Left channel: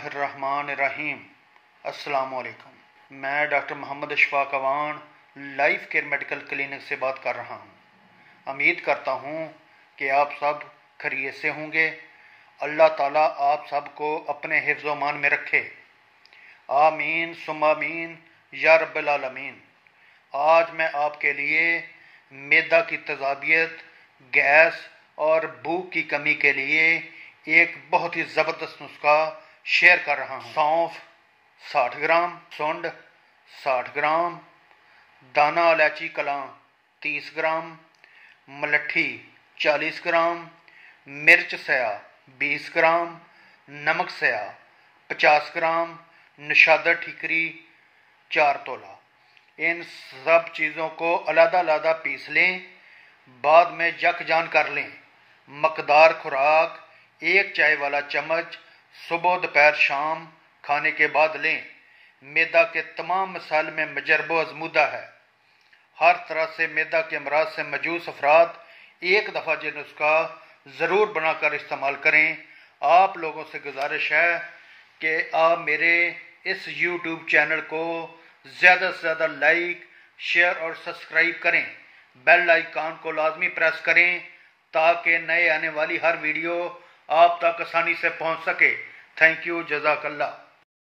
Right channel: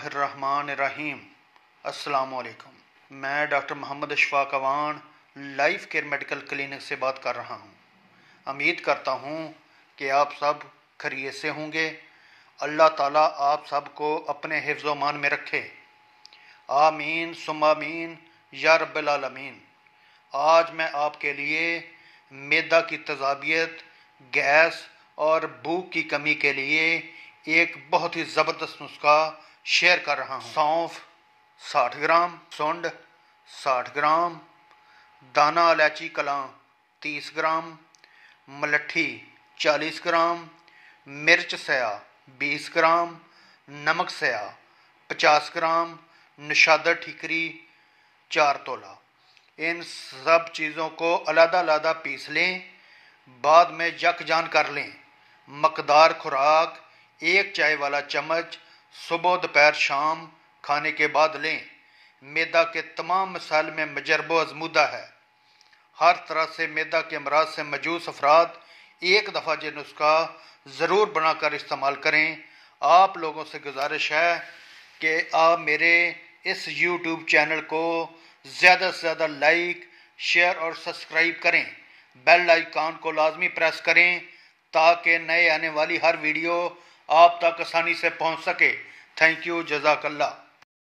बिस्मिल्लाहिर्रहमानिर्रहीम। अस्सलाम वालेकुम। मैं doctor Mohammad Ashfaq Awan life care medical clinic से बात कर रहा हूँ। उम्मीद करता हूँ कि आप सब खैरियत से होंगे। अल्लाह ताला आप सब को अपने हिफ्ज़ मान में रखे। आमीन सुम्मा आमीन या रब्बिल आलमीन। आज मैं आपके लिए मैदा की तेज़ाबियत, गैस और भूख की कमी के लिए एक बहुत ही ज़बरदस्त नुस्खा शेयर कर रहा हूँ। सौंफ 60 ग्राम, सुंड 60 ग्राम, दाना इलायची कलां 30 ग्राम, मलट्ठी 40 ग्राम, मिर्च सया 20 ग्राम, नमक सया 50 ग्राम, नशादर ठीकरी 4 तोला। इन सब चीज़ों को अलग-अलग पीस लें, बाद में यकजान कर लें। मकदार खुराक 1 चाय वाला चम्मच सुबह दोपहर शाम खाने के बाद लें। मैदा के तमाम मसाइल में मजरबो अजमुदा है। हर तरह से मैदा के अमराज से मजूस अफराद एक दफ़ा ये नुस्खा ज़रूर बनाकर इस्तेमाल करें। आप लोगों से गुजारिश है कि आप मेरे इस YouTube चैनल को ज़्यादा से ज़्यादा लाइक, शेयर और सब्सक्राइब करें। बेल आइकन को लाजमी प्रेस करें ताकि नए आने वाली हर वीडियो आप तक आसानी से पहुंच सके। थैंक यू, जज़ाकल्लाह।